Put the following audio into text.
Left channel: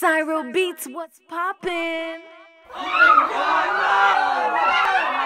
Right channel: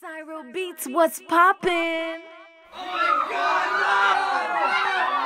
Cyro Beats, what's poppin'? Oh my God, no!